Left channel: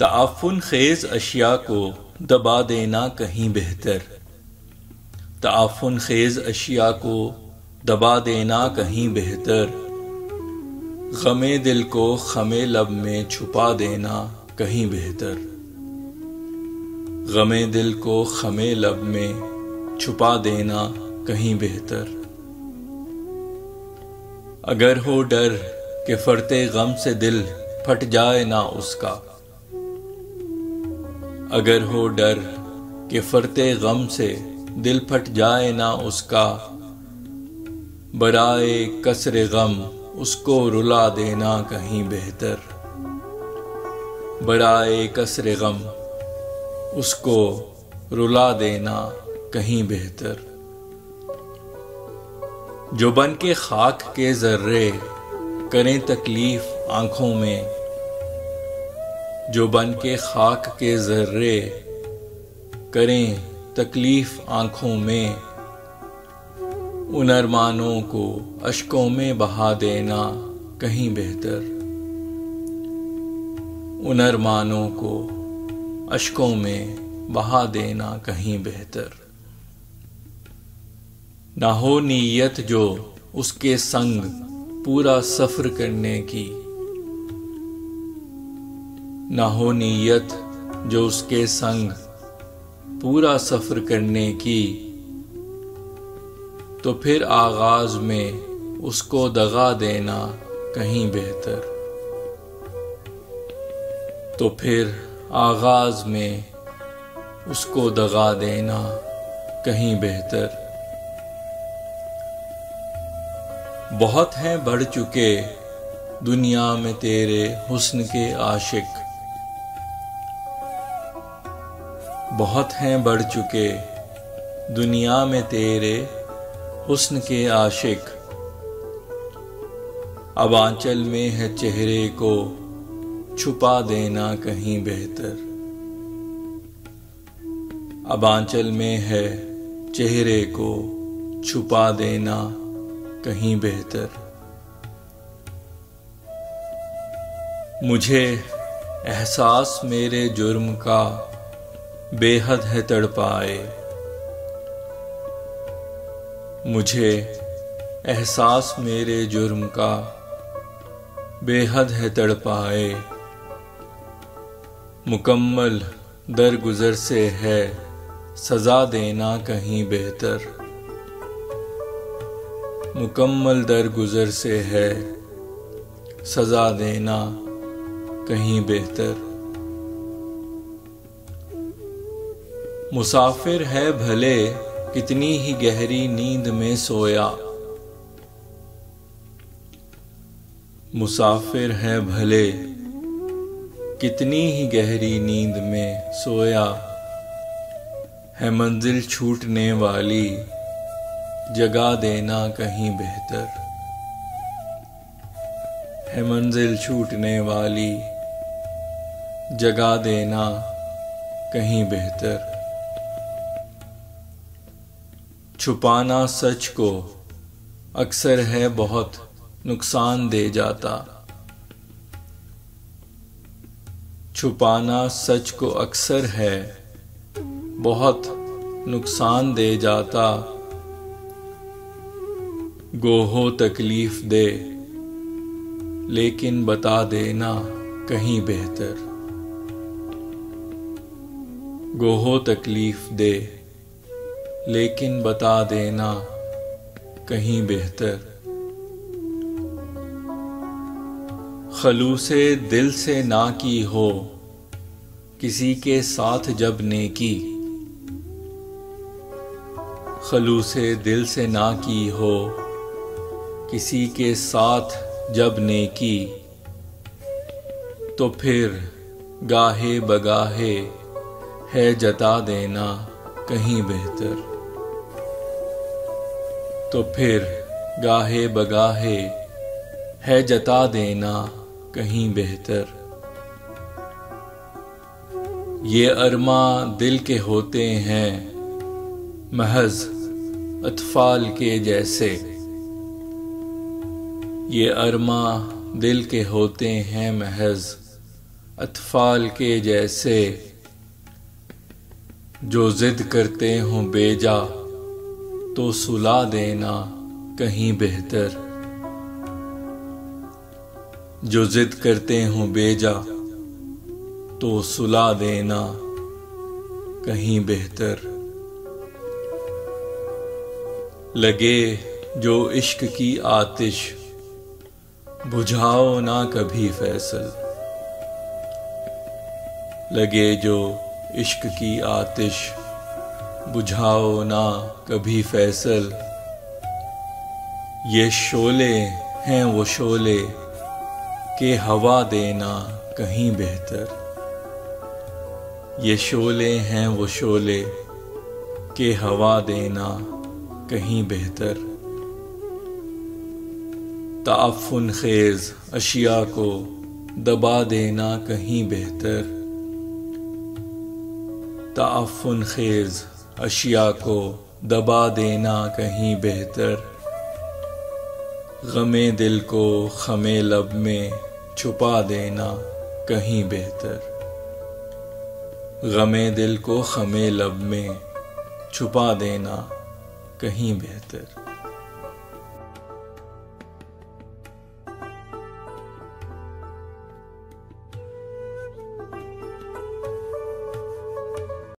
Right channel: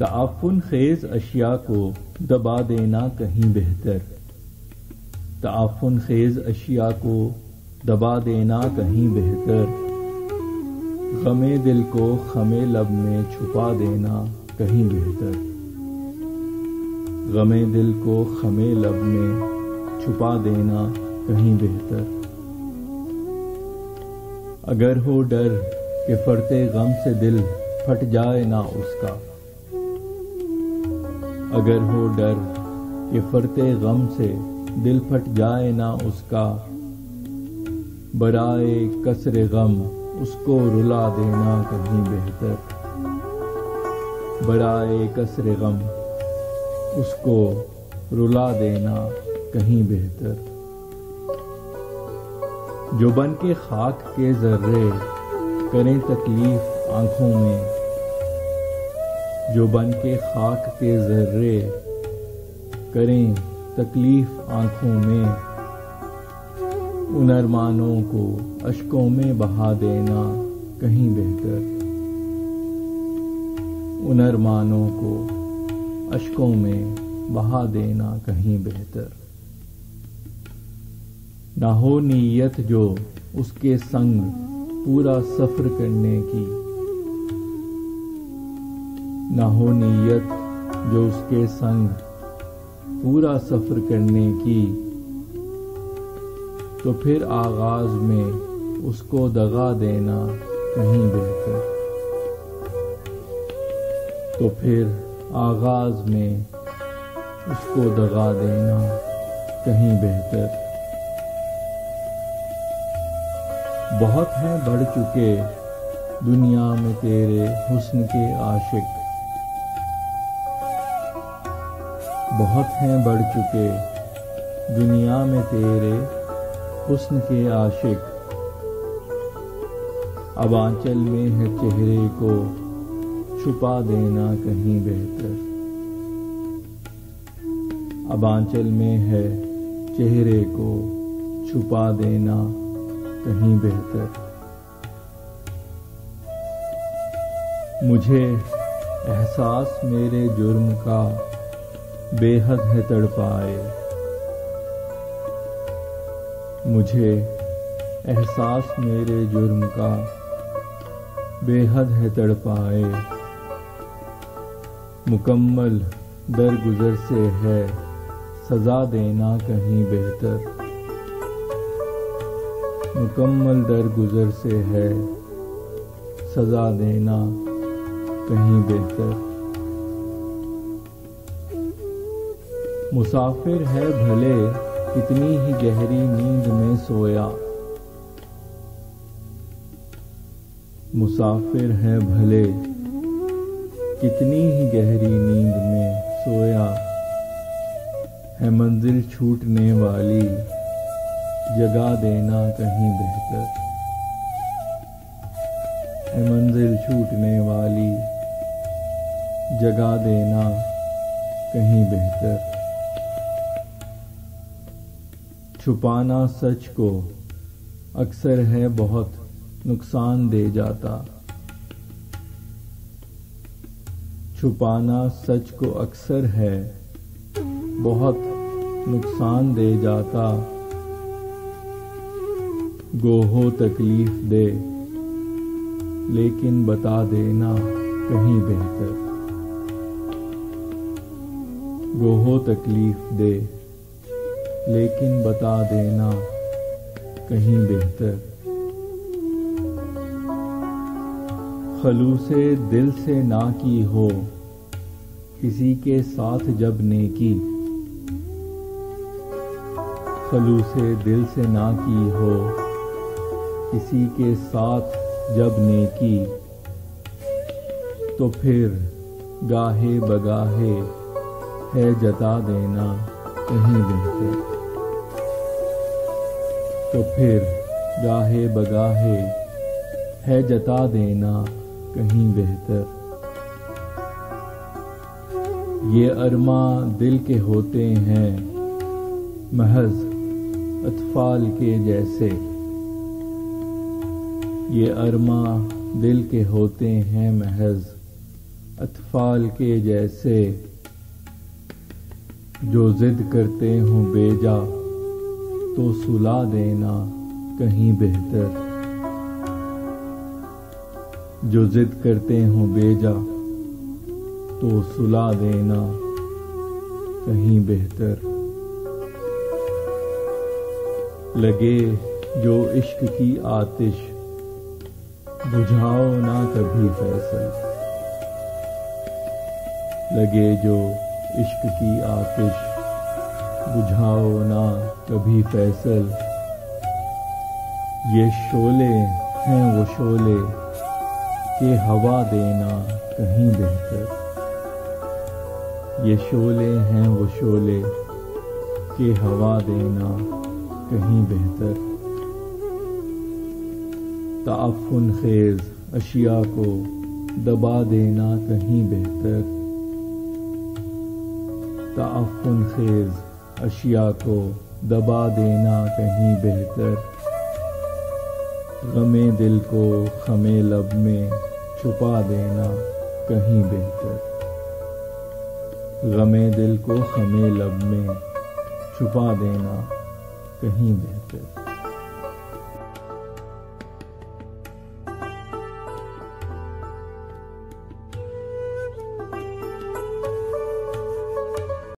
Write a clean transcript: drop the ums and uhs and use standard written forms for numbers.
تعفن خیز اشیاء کو دبا دینا کہیں بہتر، تعفن خیز اشیاء کو دبا دینا کہیں بہتر، غم دل کو خم لب میں چھپا دینا کہیں بہتر، غم دل کو خم لب میں چھپا دینا کہیں بہتر۔ اگر ہو ڈر کہ فرتے غم سے دل پھٹ جائے نہ اس کا، اگر ہو ڈر کہ فرتے غم سے دل پھٹ جائے نہ اس کا، برائے کسر غم اس کو رلا دینا کہیں بہتر، برائے کسر غم اس کو رلا دینا کہیں بہتر۔ جو بن کے خاک کے ذرے کریں تکلیف آنکھوں میں، جو بن کے خاک کے ذرے کریں تکلیف آنکھوں میں، ان ارمانوں کو اشکوں میں بہا دینا کہیں بہتر، ان ارمانوں کو اشکوں میں بہا دینا کہیں بہتر۔ نہ ہو نیت جو اس کے سنگ پورا سفر کرنے کی، نہ ہو نیت جو اس کے سنگ پورا سفر کرنے کی، تو پھر آغاز میں اس کو دغا دینا کہیں بہتر، تو پھر آغاز میں اس کو دغا دینا کہیں بہتر۔ بہت ہیں بڑھ چکے دنیا میں تیرے حسن کے عاشق، بہت ہیں بڑھ چکے دنیا میں تیرے حسن کے عاشق، اب آنچل میں ہے چہرے کو چھپا دینا کہیں بہتر، اب آنچل میں ہے چہرے کو چھپا دینا کہیں بہتر۔ مجھے احساس میرے جرم کا بے حد ہے تڑپائے، مجھے احساس میرے جرم کا بے حد ہے تڑپائے، مکمل درگزر سے ہے سزا دینا کہیں بہتر، مکمل درگزر سے ہے سزا دینا کہیں بہتر۔ مسافر ہے بھلے کتنی ہی گہری نیند میں سویا، مسافر ہے بھلے کتنی ہی گہری نیند میں سویا، ہے منزل چھوٹنے والی جگا دینا کہیں بہتر، ہے منزل چھوٹنے والی جگا دینا کہیں بہتر۔ چھپانا سچ کو اکثر ہے بہت نقصان دے جاتا، چھپانا سچ کو اکثر ہے بہت نقصان دے جاتا، گو ہو تکلیف دے لیکن بتا دینا کہیں بہتر، گو ہو تکلیف دے لیکن بتا دینا کہیں بہتر۔ خلوص دل سے نہ کی ہو کسی کے ساتھ جب نیکی، خلوص دل سے نہ کی ہو کسی کے ساتھ جب نیکی، تو پھر گاہے بگاہے ہے جتا دینا کہیں بہتر، تو پھر گاہے بگاہے ہے جتا دینا کہیں بہتر۔ یہ ارماں دل کے ہوتے ہیں محض اطفال کے جیسے، یہ ارماں دل کے ہوتے ہیں محض اطفال کے جیسے جو ضد کرتے ہوں بے جا تو سلا دینا کہیں بہتر، جو ضد کرتے ہوں بے جا تو سلا دینا کہیں بہتر۔ لگے جو عشق کی آتش بجھاؤ نہ کبھی فیصل، لگے جو عشق کی آتش بجھاؤ نہ کبھی فیصل، یہ شعلے ہیں وہ شعلے کہ ہوا دینا کہیں بہتر، یہ شعلے ہیں وہ شعلے کہ ہوا دینا کہیں بہتر۔ تعفن خیز اشیاء کو دبا دینا کہیں بہتر، تعفن خیز اشیاء کو دبا دینا کہیں بہتر، غم دل کو خم لب میں چھپا دینا کہیں بہتر، غم دل کو خم لب میں چھپا دینا کہیں بہتر۔